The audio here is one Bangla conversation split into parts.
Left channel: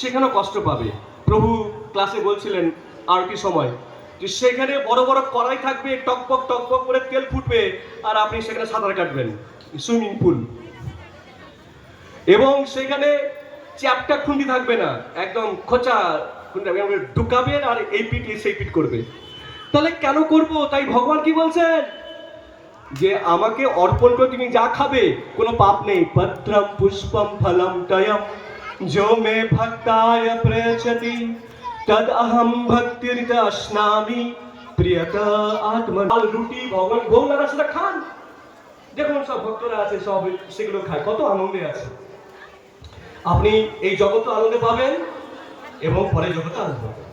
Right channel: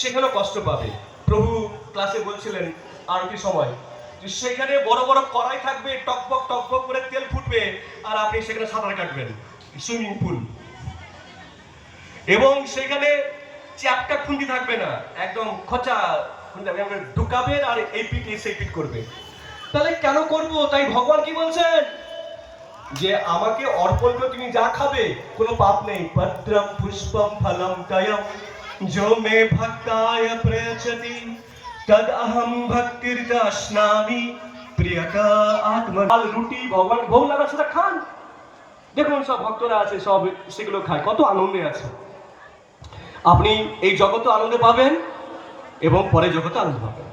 সেখানেও কষ্ট পাবে। প্রভু ক্লাসে বলছিলেন আরতি সময় যে সেখানে বড় বড় কড়াই থাকবে, টকবক টকবক করে তেল ফুটবে, আর আপনি সেখানে সাঁতার কাটবেন, সুইমিং পুল। এবং সেখানে চ্যাপটা খুন্তি থাকবে না, একদম খোঁচা খুন্তি ঢুকাবেন আর এই পিঠ সেই পিঠ করবে। তাহলে কেন করব? তাই ভগবান কি বলছেন যে আমাকে অর্পণ করে তুমি যা খাবে কোনো পাপ নেই। পত্রম পুষ্পম ফলম তয়ম जो मे भक्ताय प्रयच्छति तद अहम भक्तिर्दश्नामि प्रियता आत्मा। রুটি ভগবান ভোগ লাগার সাথে খান। দেখুন সব ভক্তরা আছে, সব সেগুলো খায়, কত আনন্দে আছে। আপনি এই জগতে আনন্দ পাবেন এবং পরে জগতে আনন্দ পাবেন।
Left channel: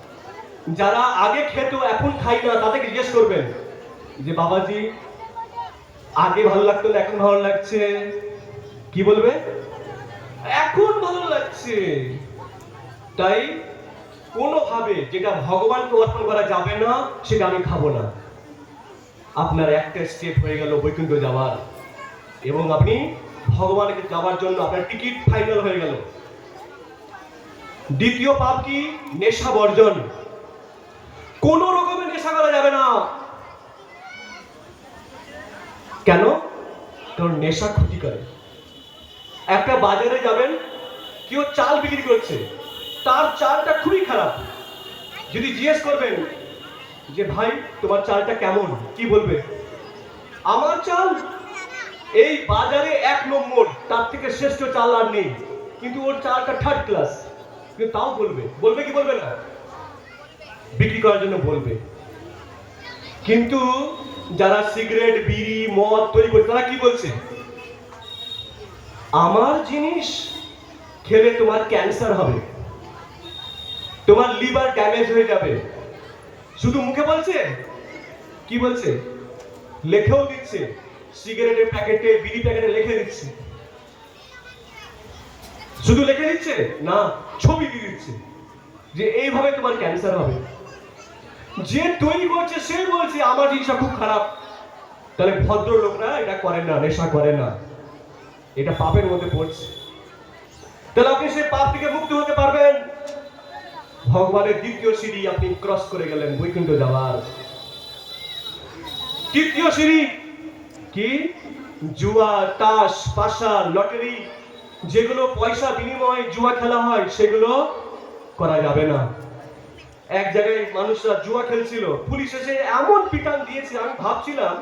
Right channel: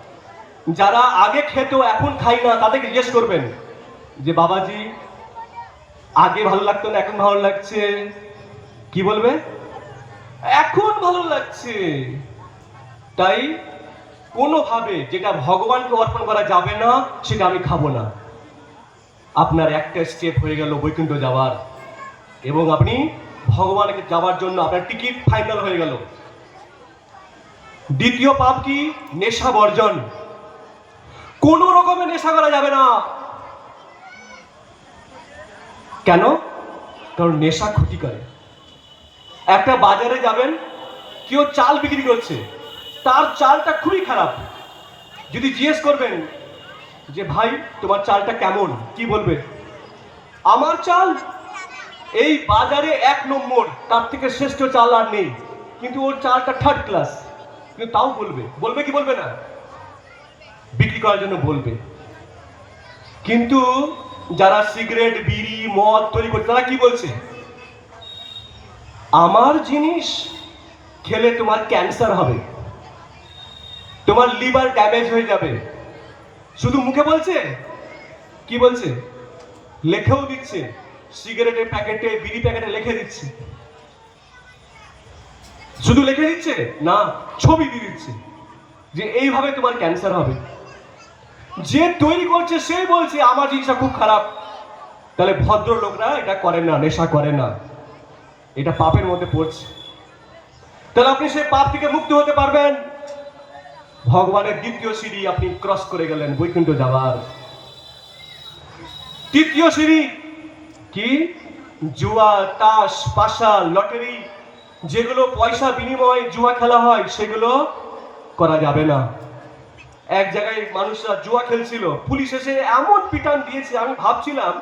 যারা আগে খেত এখন খাই না, তাদেরকে জিজ্ঞেস করবেন যে বাবাজি আগে ভালো লাগতো না এখন ভালো লাগছে, কি বলবে? এখন ভালো লাগছে। তাই কোনোভাবে যেটা ভগবানকে অর্পণ করা যাবে না সেটা আমি খাবো না। আপনার একটা স্টেপ হয়ে গেল বৈকুণ্ঠ যাওয়ার, এবং আপনি ভগবানকে যাওয়ার জন্য আপনার টিকিট ফাইনাল হয়ে গেল। দ্বিতীয় পাপ কি? নেশা বর্জন। কোন রকমের নেশা করা যাবে না। কেন? কারণ নেশা ক্ষতি করে। একটা বাজারে যাবেন, কেউ চাল বিক্রি করছে, তার চালটা খুবই খারাপ। যদি জিজ্ঞেস করবেন যে ভাই তোমার চালটা কেমন, কি বলবে? আমার চাল এই বাজারে 1 নম্বর, তার থেকে শ্রেষ্ঠ চাল আর নেই, কিন্তু ওর চালটা 3rd ক্লাস। কিন্তু তাও বলবে, বলবে কি বলবে না? বিক্রি করার জন্য বলবে। কিন্তু যারা সিগারেট বিড়ি মদ তৈরি করছে তারা কি বলছে? আমার জিনিস খেলে তোমার ক্যান্সার হবে, তোমার লিভার ড্যামেজ হয়ে যাবে। শুধু মুখে বলছে? কি বলছে? লেখেও দিচ্ছে, সিগারেটের প্যাকেটে বিড়ি প্যাকেটে লিখে দিচ্ছে। শুধু লিখে দিচ্ছে না, ছবি দিয়ে দিচ্ছে যে এইভাবে তোমার ক্যান্সার হবে। যে তৈরি করছে সেই বলছে আমার জিনিসটা খুব খারাপ। তাহলে ভদ্র লোকরা এটা করে না, নেশা করে না, এটা পাপের মধ্যে পড়ছে। তাহলে আপনি সেই পাপ থেকে মুক্ত হতে পারবেন। ভগবানের দ্বিতীয় সিঁড়ি আপনি ক্রস করে গেলেন বৈকুণ্ঠ যাওয়ার। তৃতীয় সিঁড়ি কি? জুয়া, তাস, পাশা, লটারি, যেগুলো পয়সা বিনিময়ে জুয়া খেলা হয় সেগুলো করা যাবে না। এক জায়গায় মানুষরা জুয়া খেলছিল, পুলিশ এসে এমন পিটান দিয়েছে, আমি ভাবছিলাম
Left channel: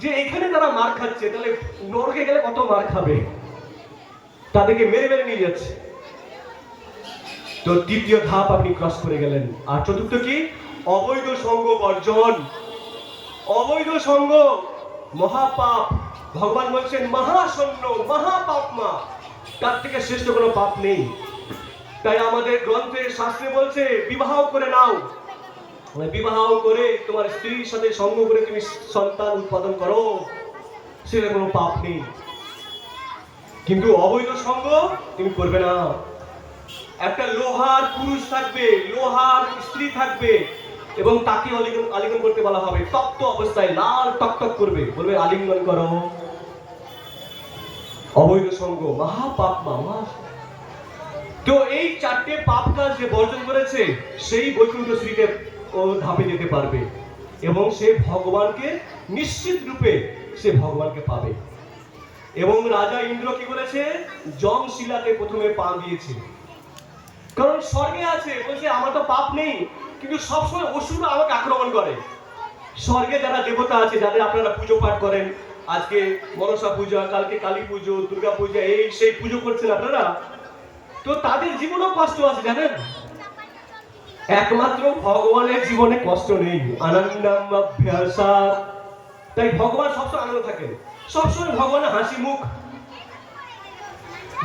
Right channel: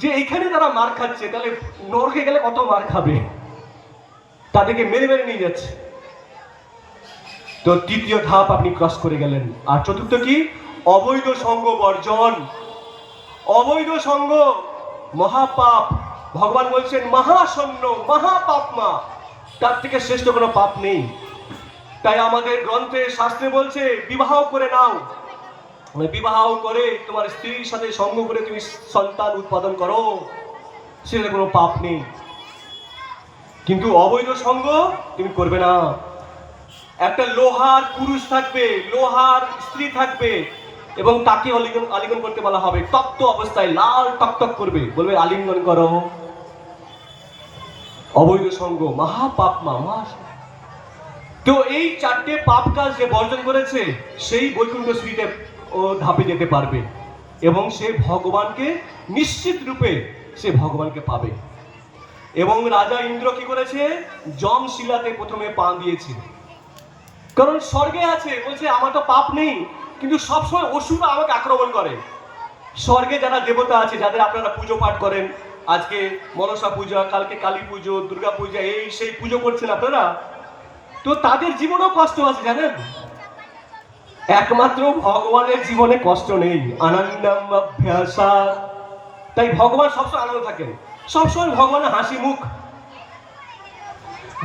যে এখানে যারা মার খাচ্ছে তাহলে নরকে গেলে কত মার খাবে। তাদেরকে মেরে মেরে নিয়ে যাচ্ছে। তো তৃতীয় ধাপ আপনি ক্রস করে গেলেন। আর চতুর্থ কি? অবৈধ সঙ্গ বর্জন। অবৈধ সঙ্গ মহাপাপ। ভগবান বলছেন মহাশূন্য মহাপাপমা, তার থেকে শ্রেষ্ঠ কোনো পাপ নেই। তাই আমাদের গ্রন্থে শাস্ত্রে বলছে বিবাহ করে নাও, বিবাহ করে তোমার স্ত্রীর সাথে সঙ্গ করে তুমি সন্তান উৎপাদন করো, সেটা কোনো পাপ নেই। কিন্তু অবৈধ সঙ্গ তুমি করবে না। একটা লোহার পুরুষ থাকবে, লোহার স্ত্রী থাকবে, এবং তাকে আলিঙ্গন করতে বলা হবে। তপ্ত অবস্থায় লাল টকটক করবে, বলবে আলিঙ্গন করো। অবৈধ সঙ্গ মহাপাপ মা। তো এই 4টে পাপ কাজ যে বর্জন করেছে সেই বৈকুণ্ঠ শ্রীতে ও ধাপে যেতে পারবে, এবং সে ভগবানকে নিশ্চিত রূপে সে ভগবানকে পাবে। এবং রাজা ইন্দ্র কি করেছে? যমশিলাতে প্রথমে পা দিয়েছে। কারণ স্বর্গে আছে, বলছে আমার তো পাপ নেই, কিন্তু সবসময় অসুররা আমাকে আক্রমণ করে। স্বর্গে যারা দেবতা আছে, যাদের আপনারা পুজো পাঠ করেন, আজকে মনসা পূজা, কালকে কালী পুজো, দুর্গা পূজা, এই সেই পুজো করছেন আপনারা, তো তাদের জীবনেও কষ্ট আছে জানেন। একমাত্র ভগবানের জীবনে কষ্ট নেই, আনন্দম অভ্যাসা। তাই ভগবান সবসময় আনন্দ থাকেন, সবসময় ভগবানের হাসি মুখ।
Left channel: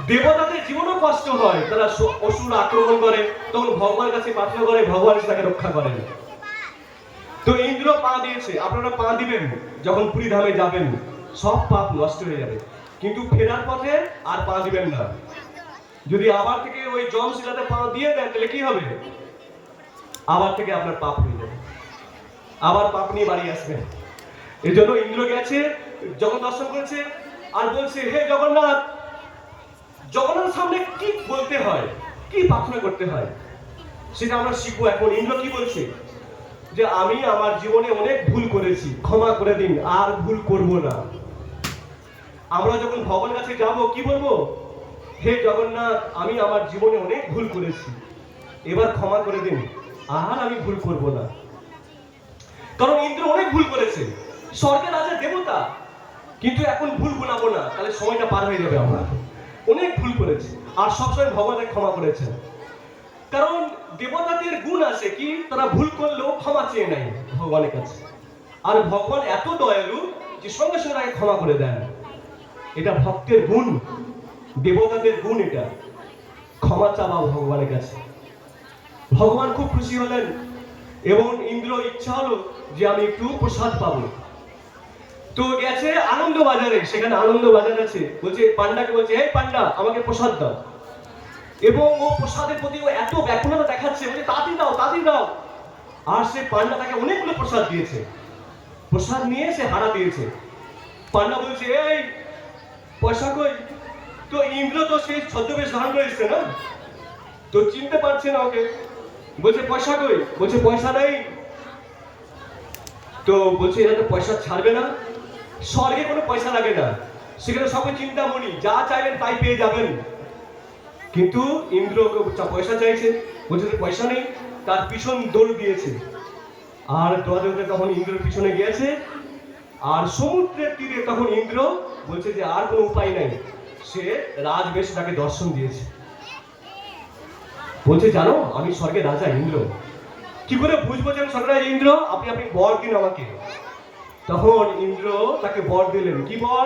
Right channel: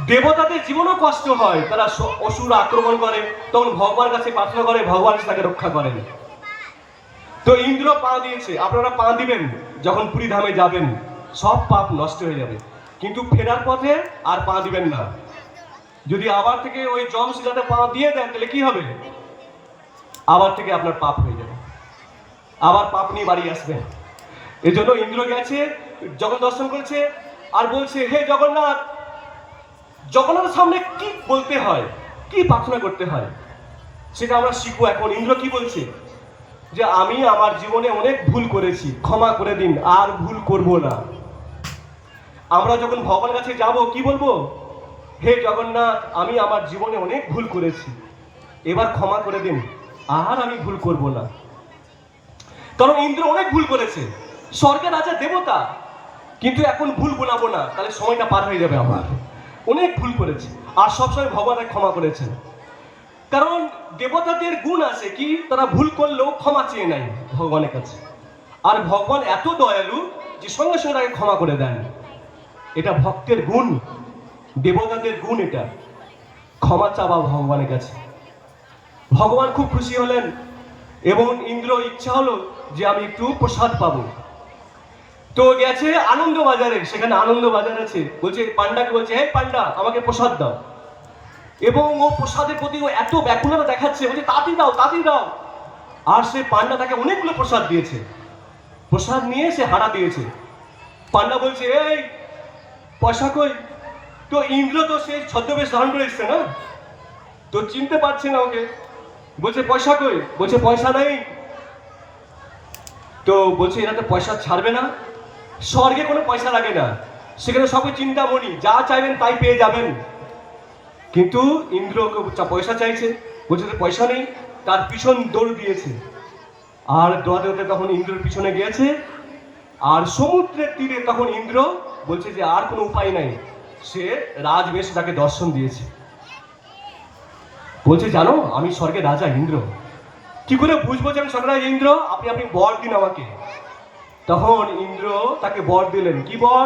দেবতাদের জীবনেও কষ্ট হয়, তারা অসুর আক্রমণ করে, তখন ভগবানের কাছে প্রার্থনা করে, ভগবান তাকে রক্ষা করেন। তো ইন্দ্র পা দিয়েছে, আপনারা পা দিবেন যখন পুরী ধামে যাবেন, সব পাপ নষ্ট হয়ে যাবে। কিন্তু ফেরার পথে আর পা দিবেন না। যদি আবার থেকে ওই যমশিলাতে পা দিয়ে দেন তাহলে কি হবে? আবার থেকে আপনার পাপ হয়ে যাবে, আবার পাপ নিয়ে বাড়ি আসবেন। এই জন্য ইন্দ্র গেছে, জগৎ দর্শন করেছে, আর বলছে হে জগন্নাথ। জগন্নাথের সামনে কি বলতে হয়? কি প্রার্থনা করতে হয় সেটা আমরা শিখবো। এখন ইন্দ্র কি বলছে, যে আমি আমার জীবনে অনেক ভুল করেছি, ক্ষমা করে দিন, আর ভুল করব না। আমরা যখন ভগবানের কাছে যাব কি বলবো, হে জগন্নাথ, আমি আমার জীবনে অনেক ভুল করেছি, এবার ক্ষমা করে দিন, আর আমি ভুল করব না। কারণ ইন্দ্র অনেক ভুল করেছে, স্বর্গের রাজা দেবতা, কিন্তু এখন ভুল গোনাবো না, তাহলে সময়টা পার হয়ে যাবে। আমার অনেক ভুল করেছে, আর সবসময় ভগবানের ক্ষমা করেছেন। কারণ দেবতাদের গুণ আছে কি, তারা ভুল করলেও ক্ষমা চেয়ে নেয় ভগবানের কাছে, আর ভগবান এত দয়ালু যে সঙ্গে সঙ্গে তাকে ক্ষমা করে দেন। এটা ভক্তের গুণ, দেবতাদের গুণ, এটা ক্ষমা চাওয়া ভগবানের কাছে। ভগবান খুব খুশি হলেন এবং ইন্দ্র ইচ্ছা হলো যে আমি একটু প্রসাদ পাবো। তো গেছে আনন্দ বাজারে, সেখানে আনন্দ বাজার আছে, বলছে পান্ডাকে, বলছে হে পান্ডা, আমাকে প্রসাদ দাও। এবং ও প্রসাদের প্রতি ও এত ব্যাকুলতা দেখাচ্ছে, বলছে তাড়াতাড়ি দাও, তাড়াতাড়ি দাও। আর সে পান্ডা তাকে অনেকগুলো প্রসাদ দিয়েছে, প্রসাদ নিয়ে সে হারা দিয়েছে। পান্ডা বলছে এই পয়সা কই? তো ইন্দ্র তো সে ছদ্মবেশ ধারণ করে এসছে না, তো চিনতে পারছে না ওকে। বলছে পয়সা কই? বলছে পয়সা নেই। তো বলছে এরা তো পয়সা ছাড়বে না, স্বর্গে কোনো পয়সা লাগে না, সেখানে সবই চিন্তামণি, যা চাইবেন তাই পেয়ে যাবেন। কিন্তু ইন্দ্র পয়সা চাইছে, বলছে পয়সা নেই, তার পিছন দৌড় দিয়েছে। আর দৌড়াতে তখন ইন্দ্রের পিছনে গিয়েছে, আর সমুদ্রের তীরে তখন ইন্দ্র বলছে যে আর কোনো উপায় নাই, সে রাজবেশে তাকে দর্শন দিয়েছে। বলছে জানো আমি স্বর্গের রাজা ইন্দ্র। কি করে বুঝবো যে আমি স্বর্গের রাজা ইন্দ্র? আপনি আপনি বর দিন আমাকে। তখন ইন্দ্র তাকে বর দিলেন। কি বর?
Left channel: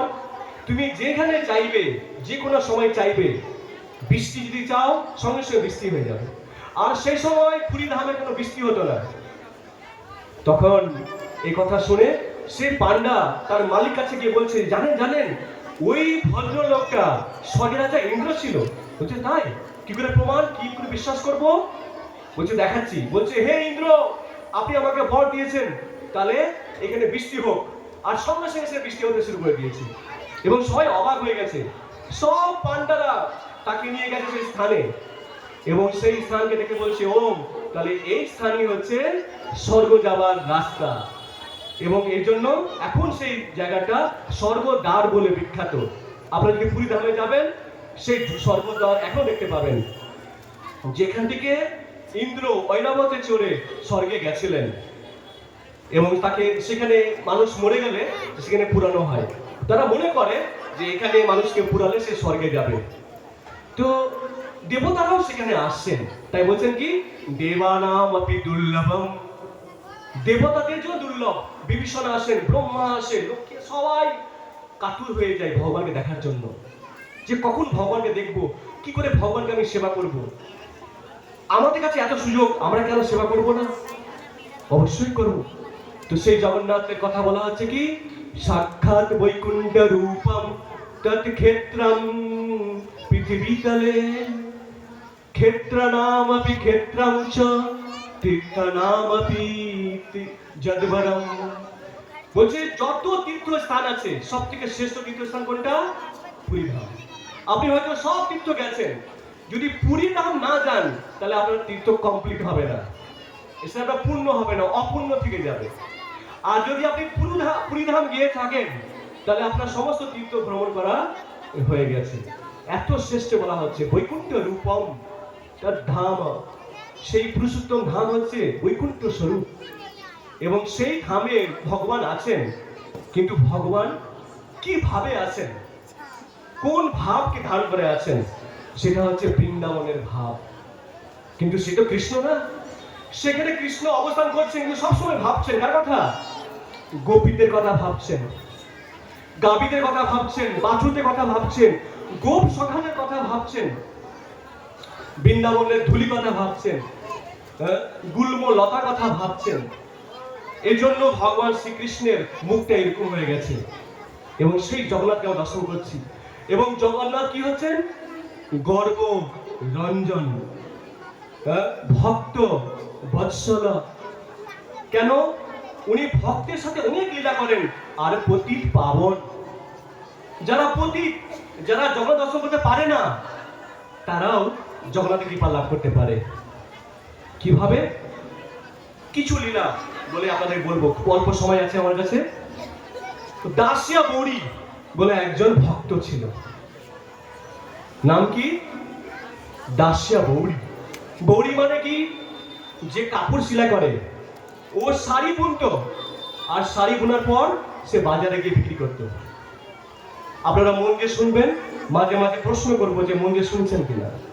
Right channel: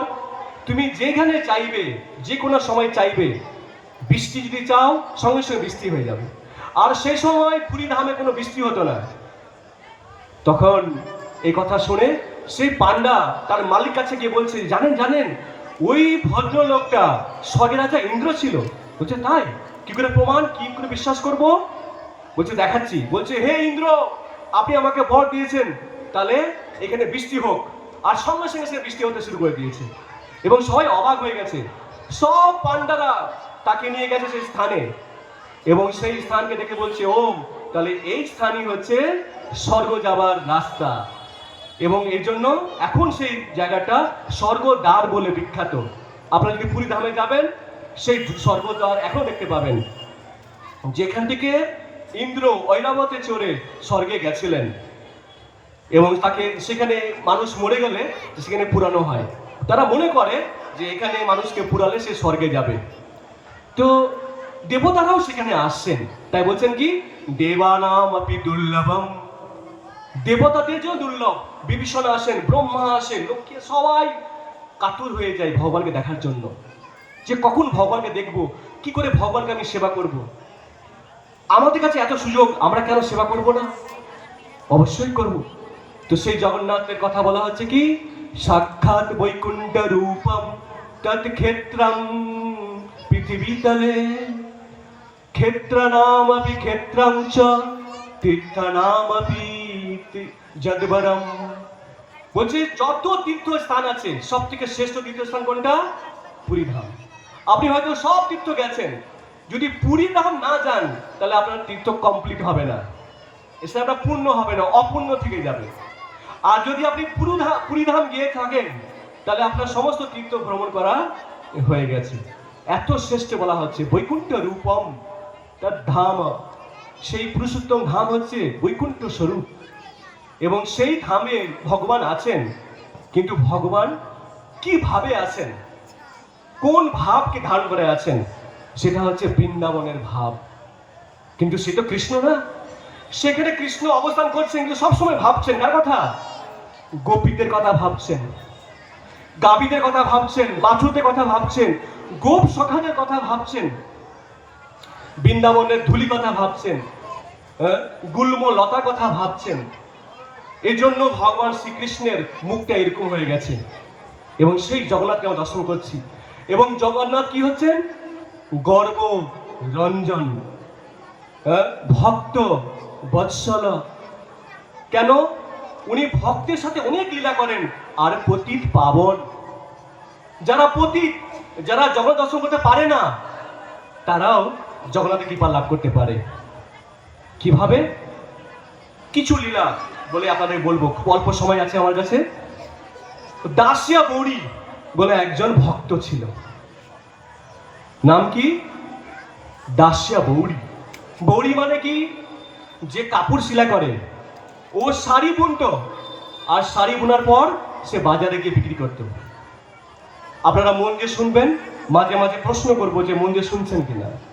তুমি যেখানে চাইবে, যে কোনো সময় চাইবে, বৃষ্টি যদি চাও সঙ্গে সঙ্গে বৃষ্টি হয়ে যাবে। আর সেই সময় পুরী ধামে কোনো বৃষ্টি হতো না। তখন এই কথা শুনে সেই পান্ডা তার মালিক কাছে গিয়ে বলছে জানেন জানেন ওই ভদ্রলোকটা স্বর্গের রাজা ইন্দ্র ছিল। বলছে তাই? কি করে প্রমাণ, কি করে বিশ্বাস করব? বলছে দেখাচ্ছি। বলছে হে ইন্দ্র, আপনি আমাকে বর দিয়েছেন, তাহলে এখানে বৃষ্টি হোক। আর সঙ্গে সঙ্গে সে বৃষ্টি হতে শুরু করে দিয়েছে এবং সবাই অবাক হয়ে গেছে। সব পান্ডারা তাকে নিয়ে গেছে সেই স্থানে এবং সেই স্থানকে দেখে বলছে ও তাহলে এই স্থানই হচ্ছে স্বর্গ যাবার রাস্তা। এবং এর জন্য এখন সেই জায়গাটা স্বর্গদ্বার বলে বিখ্যাত। আপনারা যদি পুরী ধামে যাবেন, সেই স্বর্গদ্বার এখন দেখতে পাবেন, যেখান থেকে ইন্দ্র ঐরাবতে চড়ে স্বর্গে গেছিলেন। এবং তাকে সেখানে মানুষ মরে গেলে সেখানে পুরানো হয়। তারা মনে করে যে এখানে মানুষকে পুরালে সে স্বর্গে যাবে। তো দেবতারাও সেখানে আসছেন, তাই বলছেন কি দেবানাম আপি দুর্লভম, দেবতাদের যে দুর্লভ। বিভীষণ আসেন, ব্রহ্মা আসেন, লোককে সবাই কাতুর হয়ে যায় ভগবানকে দেখার জন্য, যে কখন ভগবানকে দেখব, কি করে ভগবানকে আমি সেবা করব। আমাদের কাছে এত সুযোগ, আমরা কেন সেবা করব না? অবশ্যই করব। তো সেই জগন্নাথের কথা বলা হচ্ছে কি সাক্ষাৎ বৈকুণ্ঠ রূপম তৎ ক্ষেত্রম পৃথিবীতলে ক্ষেত্রানামপি ক্ষেত্রম চ তীর্থানামপি যদ্বরম। বলছে যত তীর্থস্থান আছে সব থেকে শ্রেষ্ঠ তীর্থস্থান কোনটা? পুরী ধাম। আপনি হয়তো সব তীর্থ গেছেন, যদি পুরী ধাম না যান তাহলে আপনার তীর্থ কমপ্লিট হবে না, সেটা পূর্ণ হবে না, অপূর্ণ থেকে যাবে। আর যদি আপনি পুরী ধাম গিয়ে থাকেন তাহলে আপনার সমস্ত তীর্থ ভ্রমণ করা হয়ে গেছে। এত শ্রেষ্ঠ বলা হচ্ছে বৈকুণ্ঠ রূপম তার ধাম। সেই পুরুষোত্তম ধাম হচ্ছে বৈকুণ্ঠ স্বরূপ এবং সেই ধামে ভগবান আছেন। কিন্তু ভগবান কিভাবে আছেন, কোন ভাবকে ধারণ করে আছেন? সেটা হচ্ছে বৃন্দাবনের ভাব। কিন্তু সে তো কৃষ্ণ না, সেখানে কৃষ্ণ অবস্থান করছেন কিন্তু সবসময় ভাবছেন কার কথা? গোপীদের কথা ভাবছেন, গাভীদের কথা ভাবছেন, বাছুরদের কথা ভাবছেন, গোপ সখানের কথা ভাবছেন, বৃন্দাবনের ধুলি কথা ভাবছেন, গুল্ম লতার কথা ভাবছেন। এই জন্য ভগবান শ্রীকৃষ্ণের মুখটা এরকম হয়ে গেছে এবং সেই জগন্নাথকে আমরা দর্শন করছি। এবং জগন্নাথ কি হচ্ছেন? গর্ব রঞ্জন, ভক্ত বৎসল। কেন? উনি ভক্তের সাথে অনেক লীলা করেন। আর পতিত পাবন, যারা পতিত, যারা জগৎ দর্শন করতে পারে না, তারাও জগন্নাথের কৃপা লাভ করতে পারে। কিভাবে? কিছু লীলা বলে আপনাদের বলবো, খুব অল্প সময় আছে আমার কাছে। দাসিয়া বৌড়ি বলে একজন ভক্ত ছিল। নাম কি? দাসিয়া বৌড়ি। বৌড়ি মানে কি? যে কাপড় সেলাই করে। ও শাড়ি বুনতো, আর শাড়ি বোনার পর সে বাজারে গিয়ে বিক্রি করতো। আপনারা মন দিয়ে শুনবেন, মাঝে মাঝে প্রশ্ন করবো যে মন দিয়ে শুনছেন কিনা।